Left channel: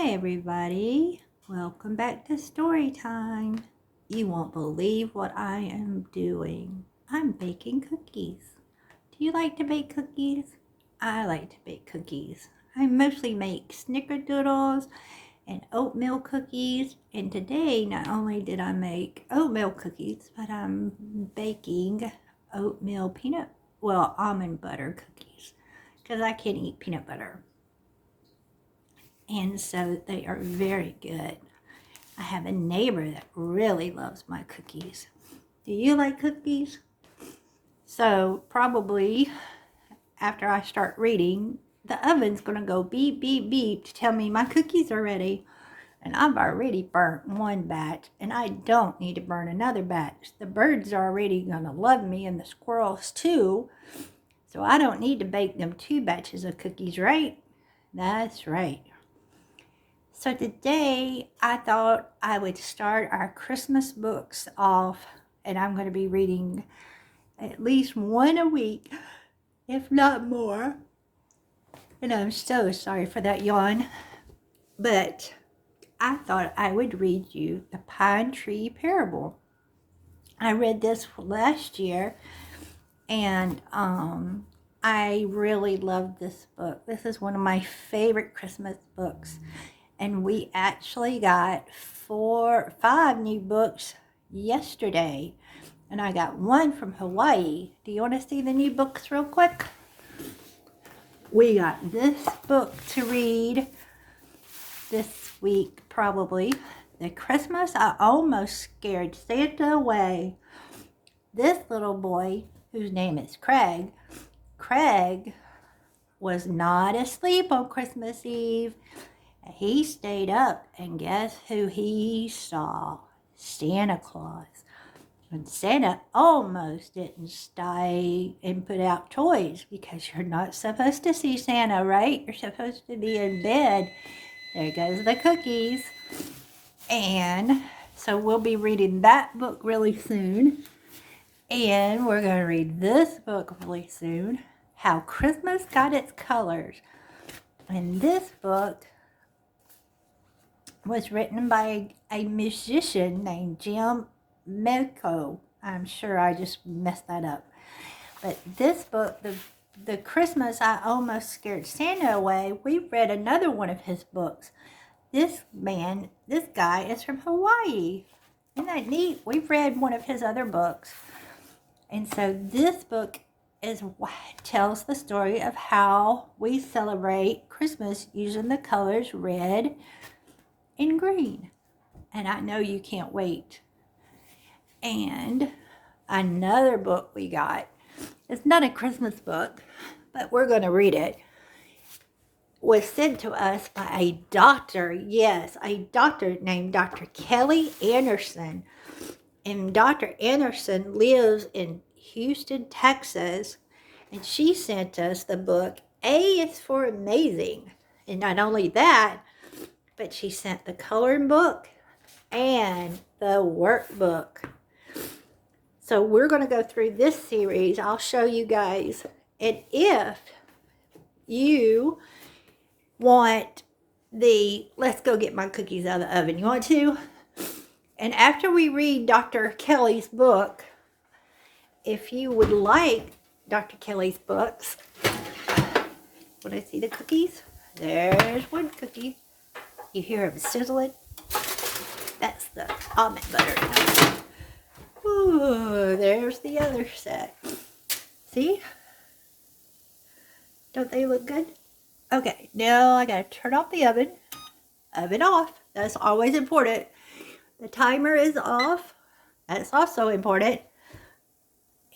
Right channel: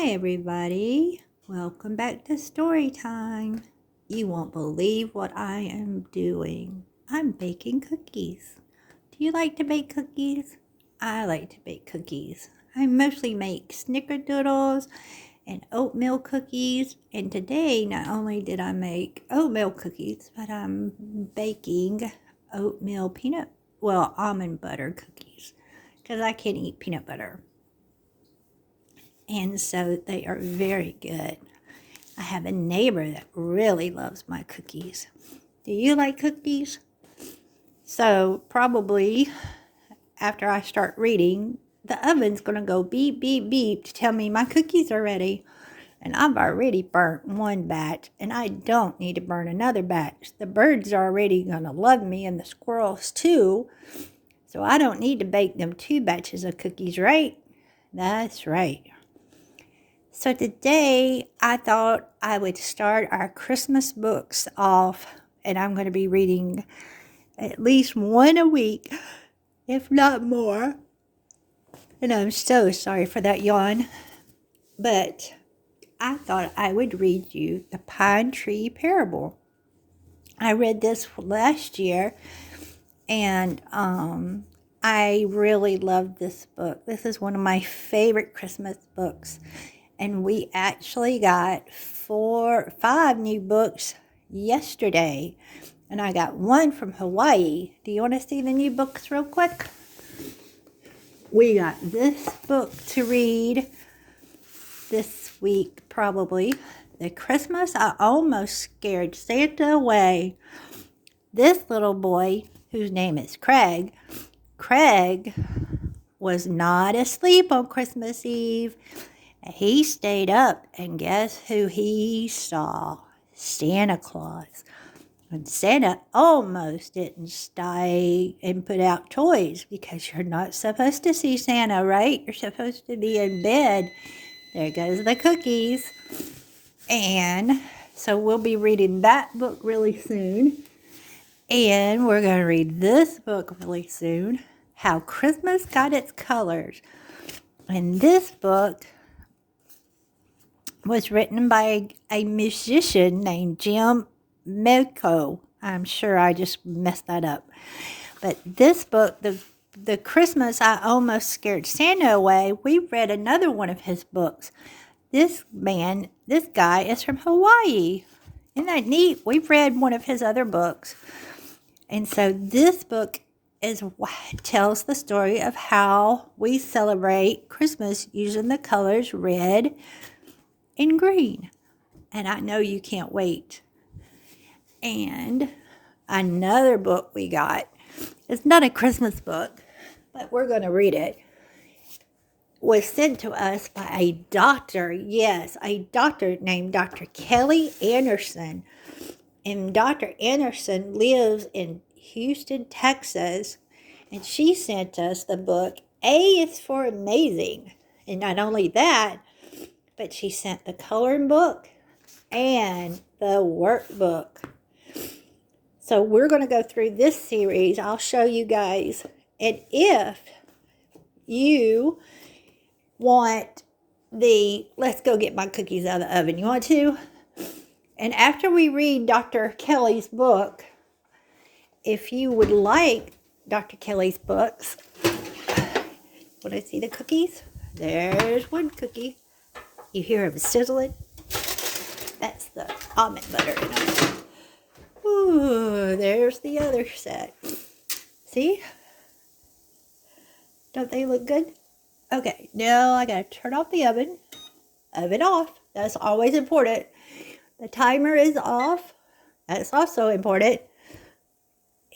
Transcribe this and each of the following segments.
Hi everybody, welcome back to story time. You won't believe what I am doing. I'm baking cookies. Do you like to bake cookies? I like to bake cookies. I mostly make snickerdoodles and oatmeal cookies, and today not only did I make oatmeal cookies, but I'm baking almond butter cookies because I can't eat peanut butter. And so they are very good. I have a neighbor that really loves my cookies. Do you like cookies? So probably after I start reading, the oven's going to go beep, beep, beep to tell me my cookies are ready. And I've already burnt one batch, and I don't need to burn another batch. The birds are already going to love me, and the squirrels too. So I don't need to bake them 2 batches of cookies, right? That's right. So today I thought I would start our Christmas books off, and I'm going to be reading at least one a week, if not more. And I'm so sorry for that yawn, but I thought I would read you the Pine Tree Parable. I read this last year, and I really love this book. This is one of my favorite Christmas books. And we actually got 5 new books yesterday. And I got one from Hawaii. Do you want to see the new books real quick? We got this book to read this week, probably. The Christmas I Almost Scared Santa Away. This little boy, whose name is Craig was not asleep on Christmas Eve. He stayed up, and guess who he saw? Santa Claus. And Santa almost didn't stay and put out toys, because you're not supposed to see Santa, right? You're supposed to be in bed. There goes the cookies. And so we'll be reading that book really soon. And we're going to read this book really soon, How Christmas Got Its Colors. And this book was written by a musician named Jim Melko. I'm sure I just messed that up. But this book, the Christmas I Almost Scared Santa Away, we read another one of his books. This guy is from Hawaii. Isn't that neat? We've read one of his other books. And so this book tells the story of how we celebrate Christmas using the colors red and green. And I know you can't wait. And another book we got, it's not a Christmas book, but we're going to read it, was sent to us by a doctor. Yes, a doctor named Dr. Kelly Anderson. And Dr. Anderson lives in Houston, Texas. And she sent us the book, A is for Amazing. And not only that, but she sent the coloring book and the workbook. So we're going to go through this series. I'll show you guys. And if you want let's go get my cookies out of the oven. You want to? And after we read Dr. Kelly's book, if you would like Dr. Kelly's books, want to see the cookies? There's one cookie. You hear them sizzling? That's the almond butter. Ooh, there's the other set. See? Don't they look good? Okay, now I gotta turn off the oven. Oven off. That's always important. The timer is off. That's also important.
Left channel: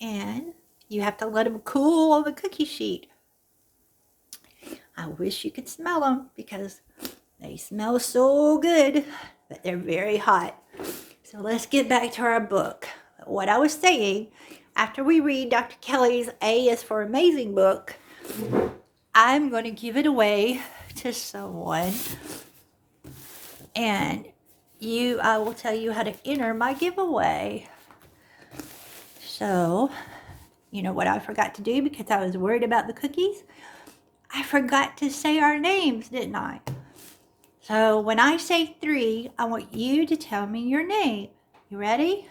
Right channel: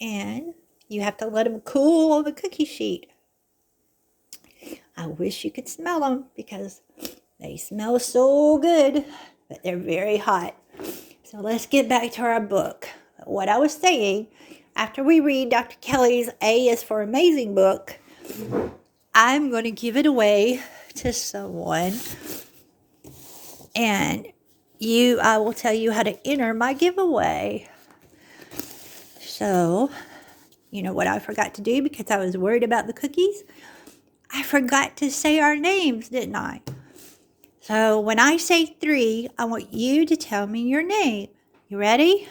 And you have to let them cool on the cookie sheet. I wish you could smell them, because they smell so good, but they're very hot. So let's get back to our book. What I was saying, after we read Dr. Kelly's A is for Amazing book, I'm going to give it away to someone. And I will tell you how to enter my giveaway. So, you know what I forgot to do because I was worried about the cookies? I forgot to say our names, didn't I? So when I say 3, I want you to tell me your name. You ready?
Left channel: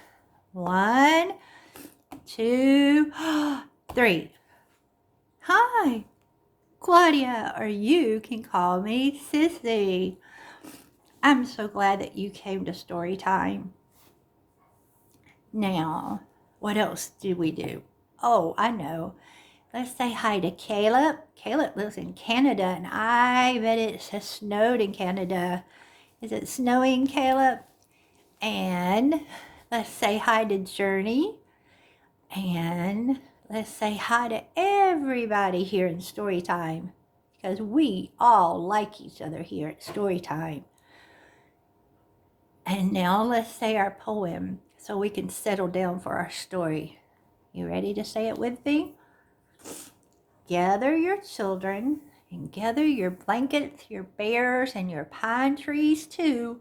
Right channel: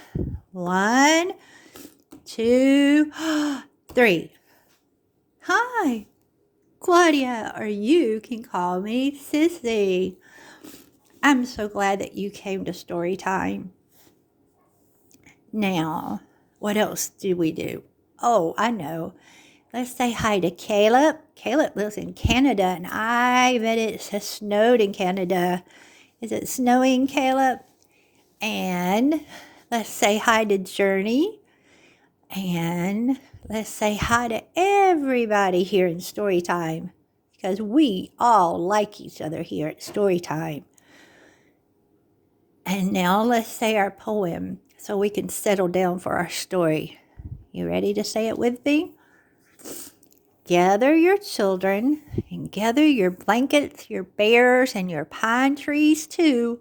1, 2, 3. Hi, Claudia, or you can call me Sissy. I'm so glad that you came to story time. Now, what else do we do? Oh, I know. Let's say hi to Caleb. Caleb lives in Canada, and I bet it has snowed in Canada. Is it snowing, Caleb? And let's say hi to Journey. And let's say hi to everybody here in Storytime, because we all like each other here at Storytime. And now let's say our poem so we can settle down for our story. You ready to say it with me? Gather your children and gather your blankets, your bears, and your pine trees too.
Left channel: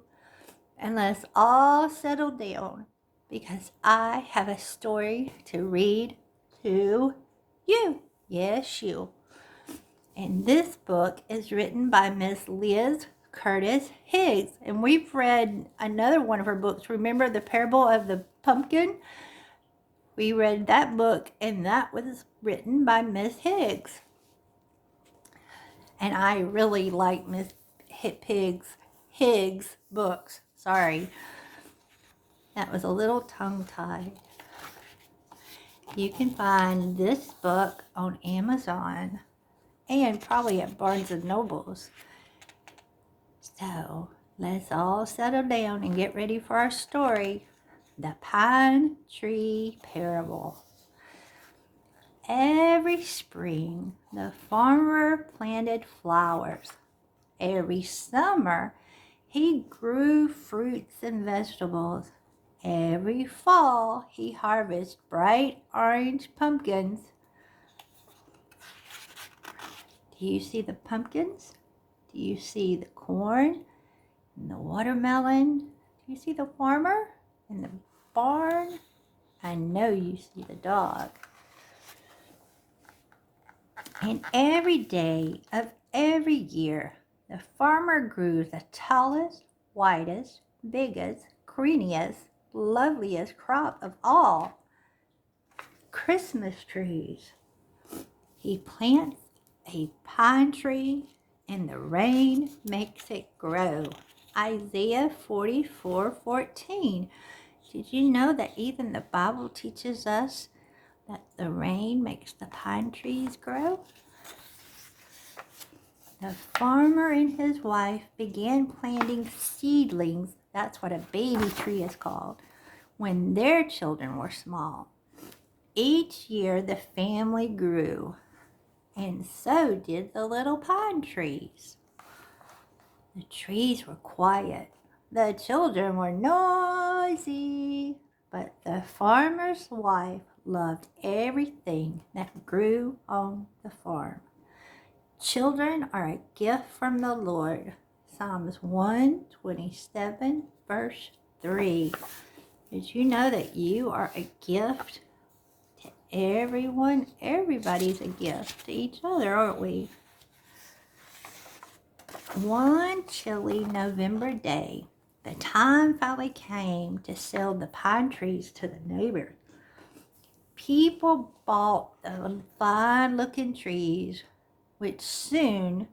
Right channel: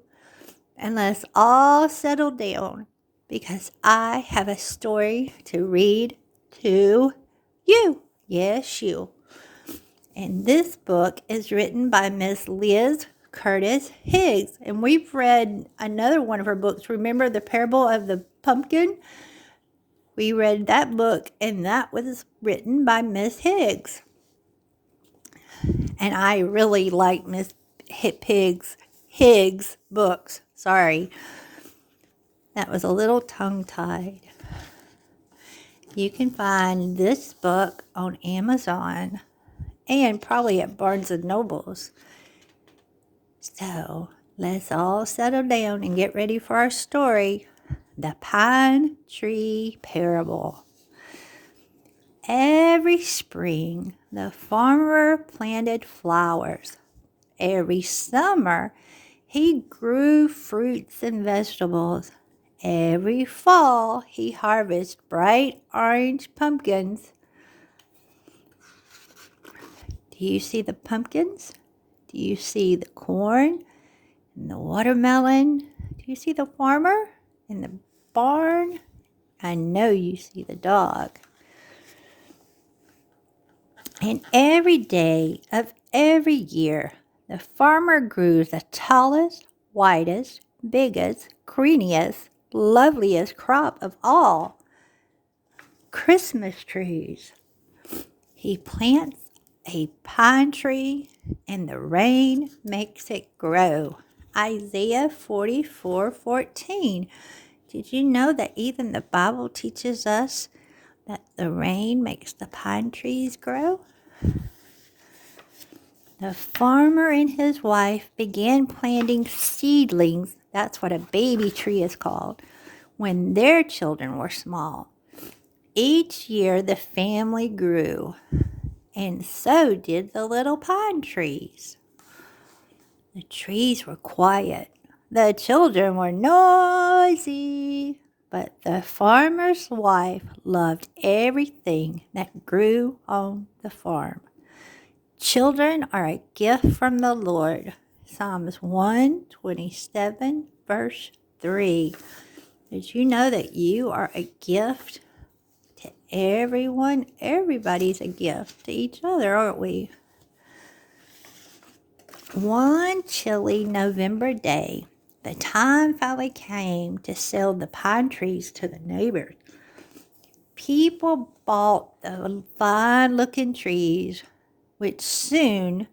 And let's all settle down because I have a story to read to you. Yes, you. And this book is written by Miss Liz Curtis Higgs. And we've read another one of her books. Remember the Parable of the Pumpkin? We read that book, and that was written by Miss Higgs. And I really like Miss Higgs books. Sorry. That was a little tongue-tied. You can find this book on Amazon and probably at Barnes & Noble's. So let's all settle down and get ready for our story, The Pine Tree Parable. Every spring, the farmer planted flowers. Every summer, he grew fruits and vegetables. Every fall, he harvested bright orange pumpkins. Do you see the pumpkins? Do you see the corn and the watermelon? Do you see the farmer in the barn? I know you see the dog. And every day of every year, the farmer grew the tallest, whitest, biggest, greeniest, loveliest crop of all, Christmas trees. He plants a pine tree and the rain makes it grow. Isaiah 44:14. Did you know that even the Bible teaches us that the rain makes the pine trees grow? The farmer and his wife began planting seedlings, that's what a baby tree is called, when their children were small. Each year the family grew, and so did the little pine trees. The trees were quiet. The children were noisy, but the farmer's wife loved everything that grew on the farm. Children are a gift from the Lord. Psalms 127, verse 3. Did you know that you are a gift to everyone? Everybody's a gift to each other, aren't we? One chilly November day, the time finally came to sell the pine trees to the neighbors. People bought the fine-looking trees, which soon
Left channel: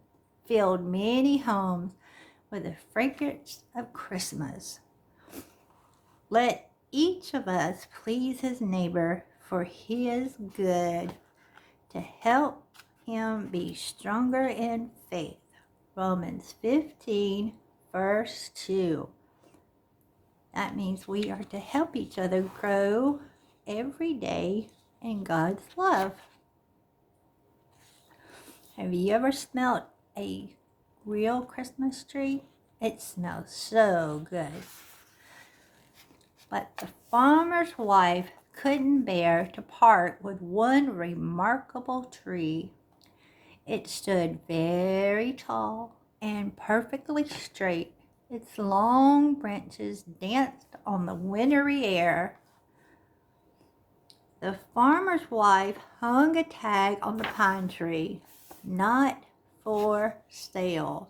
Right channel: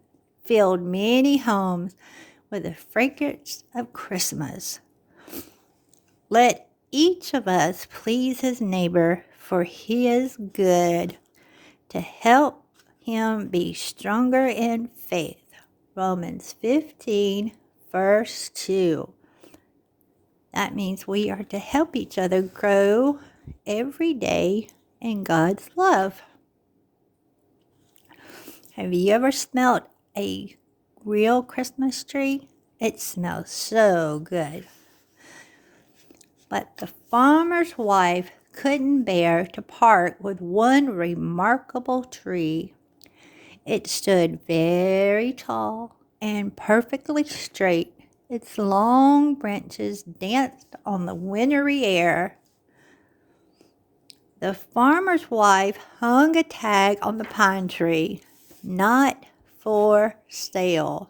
filled many homes with the fragrance of Christmas. Let each of us please his neighbor for his good, to help him be stronger in faith. Romans 15, verse 2. That means we are to help each other grow every day in God's love. Have you ever smelled a real Christmas tree? It smells so good. But the farmer's wife couldn't bear to part with one remarkable tree. It stood very tall and perfectly straight. Its long branches danced on the wintry air. The farmer's wife hung a tag on the pine tree, "Not for sale."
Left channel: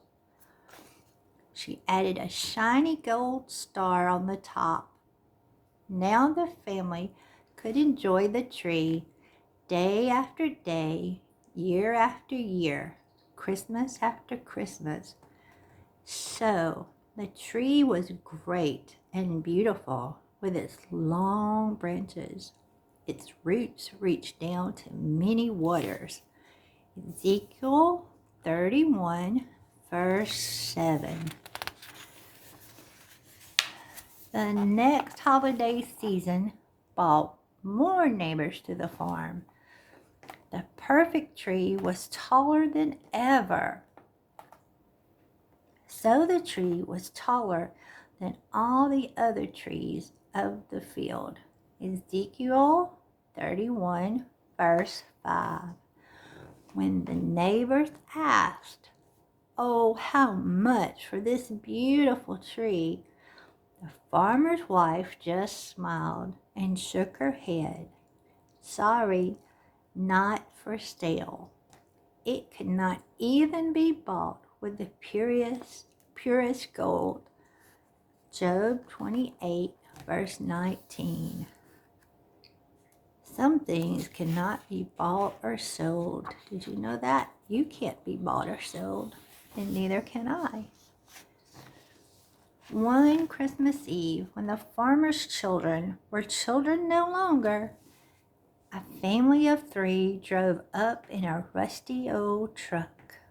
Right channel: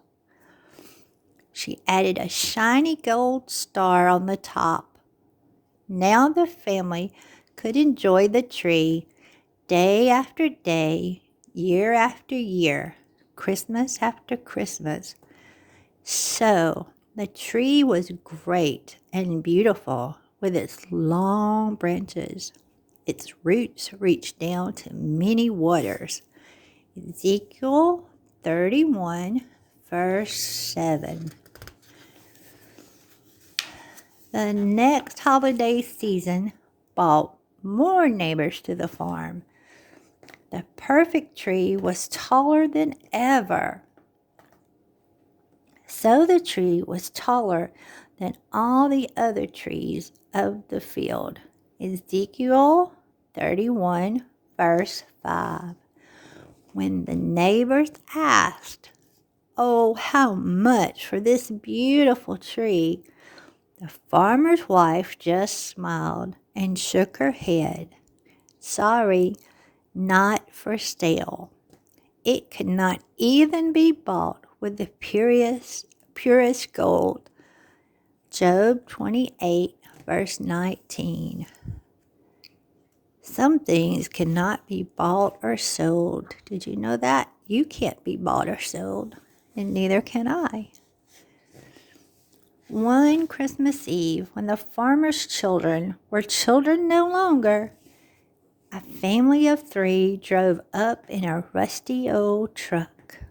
She added a shiny gold star on the top. Now the family could enjoy the tree day after day, year after year, Christmas after Christmas. So the tree was great and beautiful with its long branches. Its roots reached down to many waters. Ezekiel 31, verse 7. The next holiday season brought more neighbors to the farm. The perfect tree was taller than ever. So the tree was taller than all the other trees of the field. Ezekiel 31, verse 5. When the neighbors asked, "Oh, how much for this beautiful tree?" the farmer's wife just smiled and shook her head. "Sorry, not for sale. It could not even be bought with the purest gold." Job 28, verse 19. Some things cannot be bought or sold. Did you know that? You can't be bought or sold, and neither can I. One Christmas Eve, when the farmer's children were children no longer, a family of 3 drove up in a rusty old truck.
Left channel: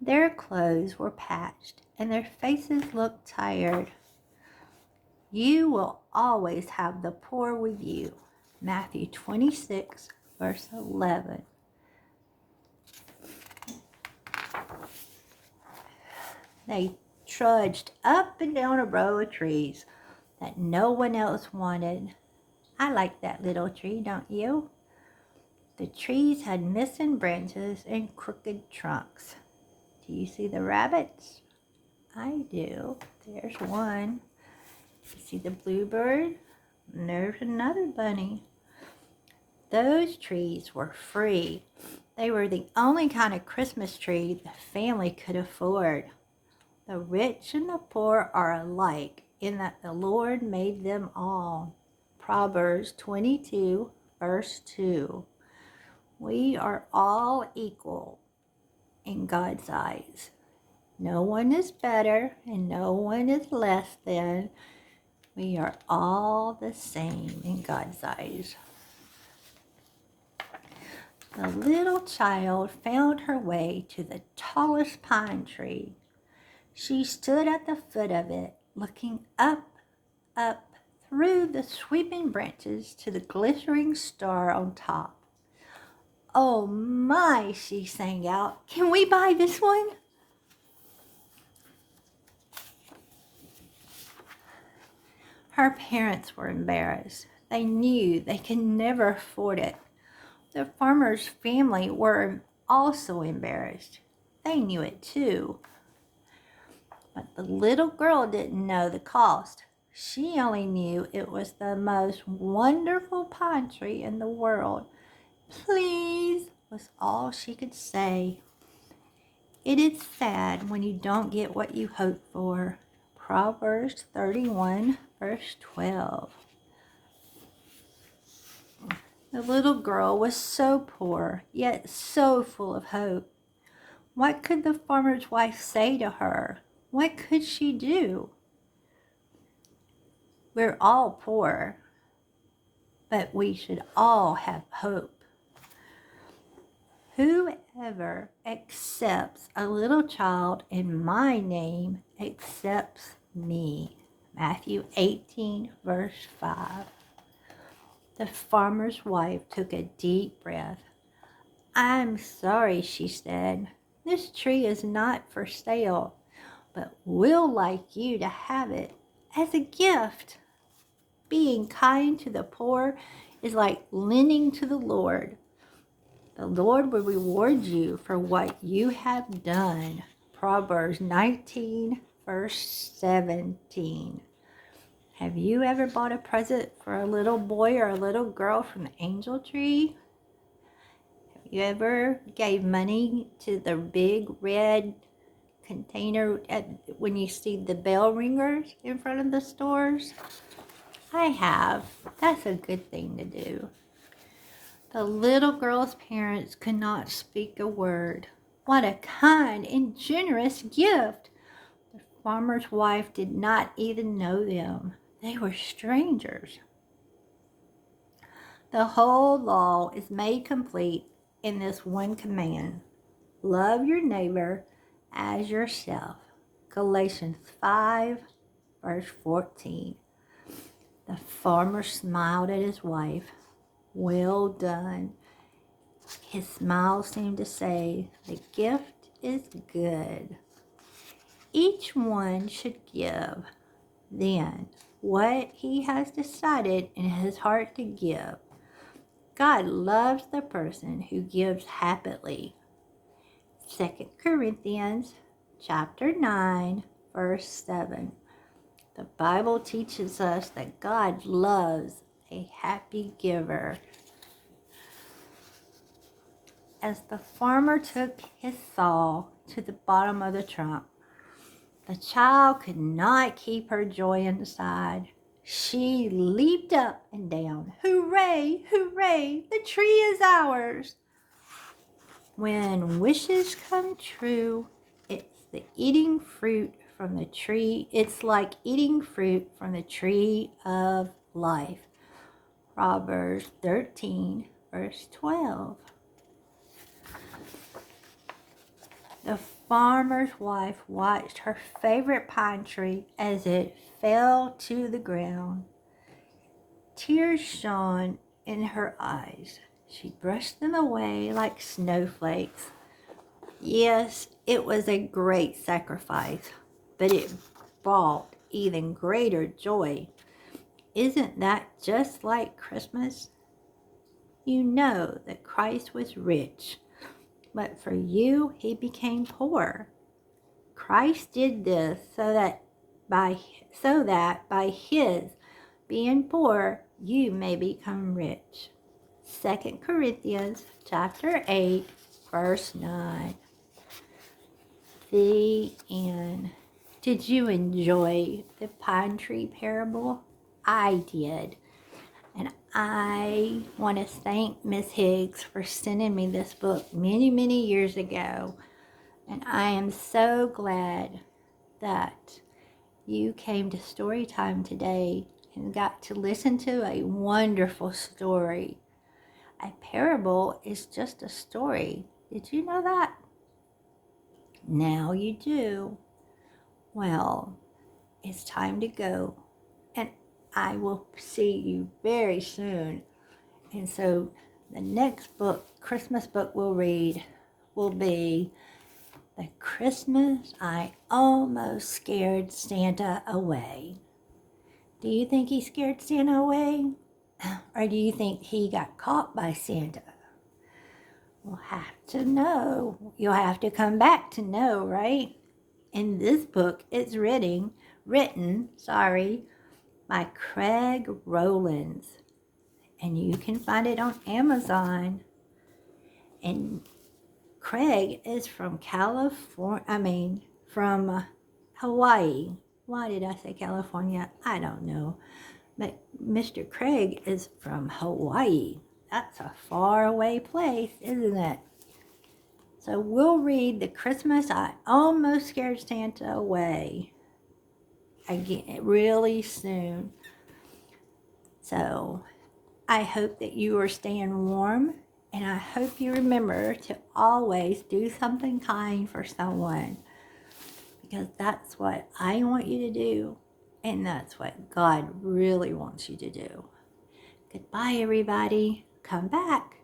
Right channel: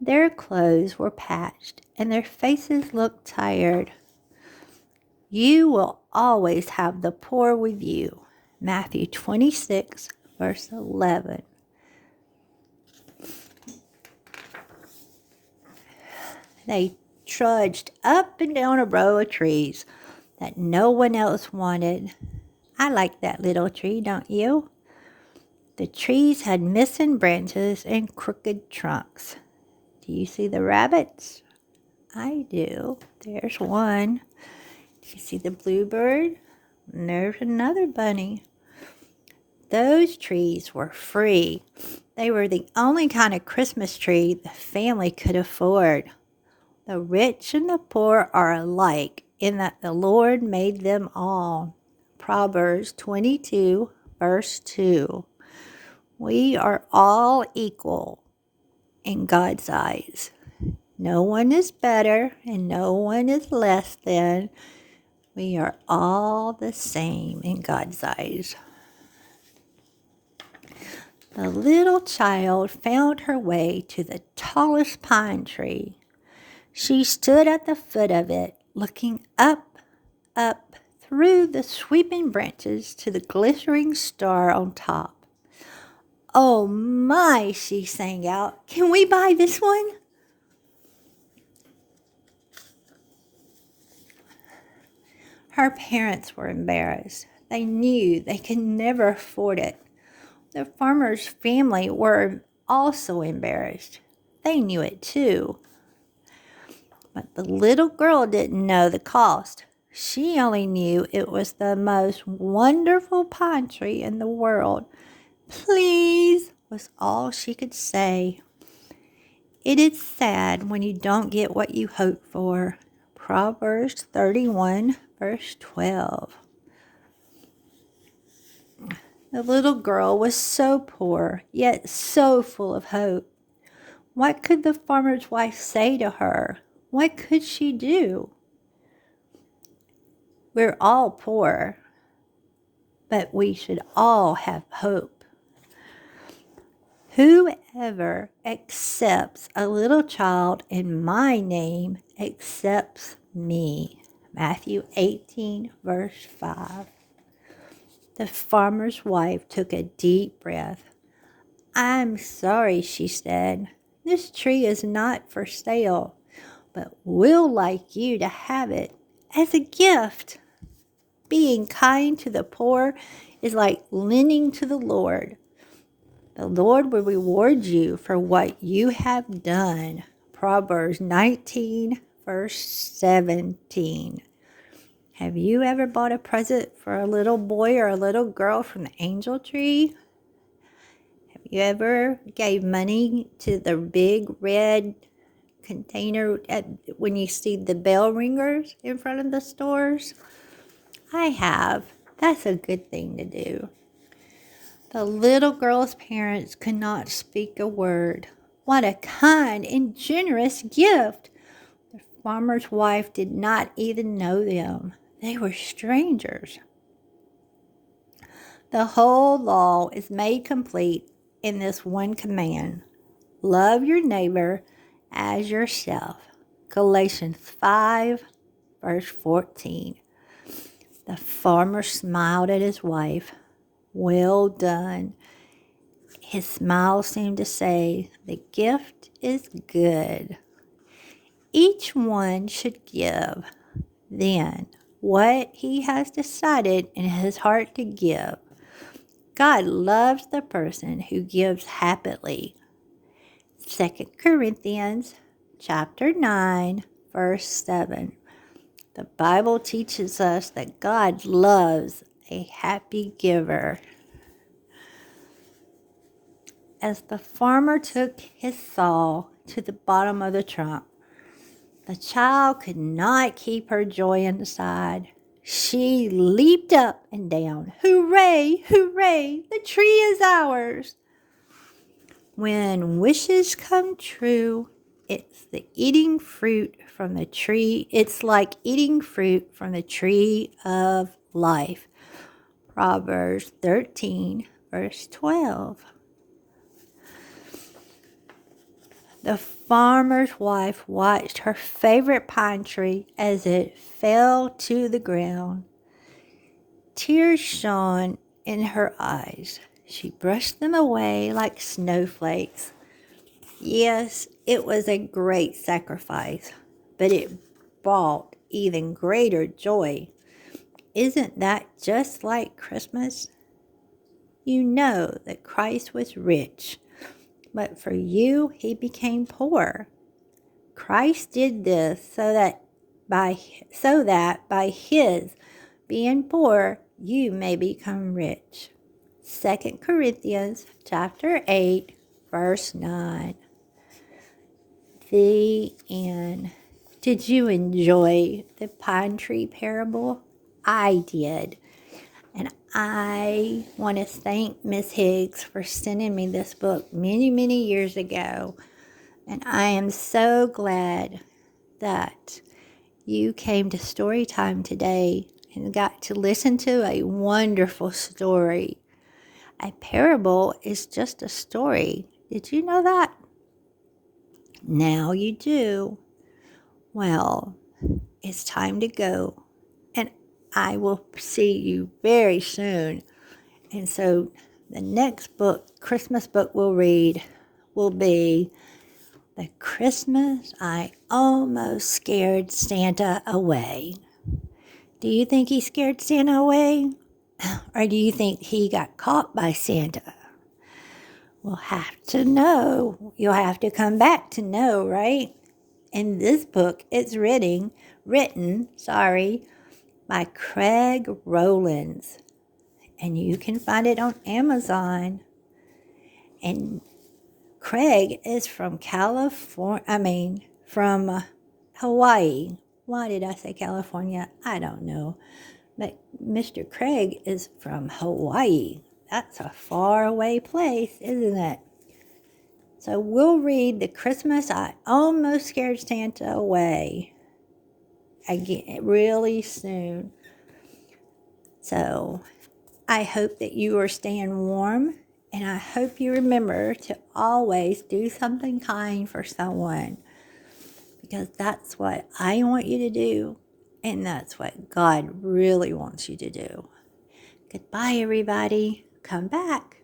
Their clothes were patched and their faces looked tired. You will always have the poor with you. Matthew 26, verse 11. They trudged up and down a row of trees that no one else wanted. I like that little tree, don't you? The trees had missing branches and crooked trunks. Do you see the rabbits? I do. There's one. Do you see the bluebird? And there's another bunny. Those trees were free. They were the only kind of Christmas tree the family could afford. The rich and the poor are alike in that the Lord made them all. Proverbs 22, verse 2. We are all equal in God's eyes. No one is better and no one is less than. We are all the same in God's eyes. The little child found her way to the tallest pine tree. She stood at the foot of it, looking up through the sweeping branches to the glittering star on top. "Oh my," she sang out, "can we buy this one?" Her parents were embarrassed. They knew they could never afford it. The farmer's family were also embarrassed. They knew it too. But the little girl didn't know the cost. She only knew it was the most wonderful pine tree in the world. "Please," was all she could say. It is sad when you don't get what you hope for. Proverbs 31, verse 12. The little girl was so poor, yet so full of hope. What could the farmer's wife say to her? What could she do? We're all poor, but we should all have hope. Whoever accepts a little child in my name accepts me. Matthew 18, verse 5. The farmer's wife took a deep breath. "I'm sorry," she said. "This tree is not for sale, but we'll like you to have it as a gift." Being kind to the poor is like lending to the Lord. The Lord will reward you for what you have done. Proverbs 19, verse 17. Have you ever bought a present for a little boy or a little girl from the angel tree? Have you ever gave money to the big red container when you see the bell ringers in front of the stores? I have. That's a good thing to do. The little girl's parents could not speak a word. What a kind and generous gift! The farmer's wife did not even know them. They were strangers. The whole law is made complete in this one command: love your neighbor as yourself. Galatians 5, verse 14. The farmer smiled at his wife. Well done. His smile seemed to say, the gift is good. Each one should give, then, what he has decided in his heart to give. God loves the person who gives happily. 2 Corinthians chapter 9, verse 7. The Bible teaches us that God loves a happy giver. As the farmer took his saw to the bottom of the trunk, the child could not keep her joy inside. She leaped up and down. Hooray, hooray, the tree is ours. When wishes come true, it's like eating fruit from the tree of life. Proverbs 13, verse 12. The farmer's wife watched her favorite pine tree as it fell to the ground. Tears shone in her eyes. She brushed them away like snowflakes. Yes, it was a great sacrifice, but it brought even greater joy. Isn't that just like Christmas? You know that Christ was rich, but for you he became poor. Christ did this so that by his being poor you may become rich. 2 Corinthians chapter 8, verse 9. The end. Did you enjoy the pine tree parable? I did. And I want to thank Miss Higgs for sending me this book many, many years ago. And I am so glad that you came to story time today and got to listen to a wonderful story. A parable is just a story. Did you know that? Now you do. Well, it's time to go. And I will see you very soon. And so the next book, Christmas book we'll read will be The Christmas I Almost Scared Santa Away. Do you think he scared Santa away? Or do you think he got caught by Santa? We'll have to know. You'll have to come back to know, right? And this book is written by Craig Rowlands. And you can find it on Amazon. And Craig is from from Hawaii. Why did I say California? I don't know. But Mr. Craig is from Hawaii. That's a faraway place, isn't it? So we'll read The Christmas I Almost Scared Santa Away again really soon. So I hope that you are staying warm, and I hope you remember to always do something kind for someone, because that's what I want you to do, and that's what God really wants you to do. Goodbye, everybody. Come back.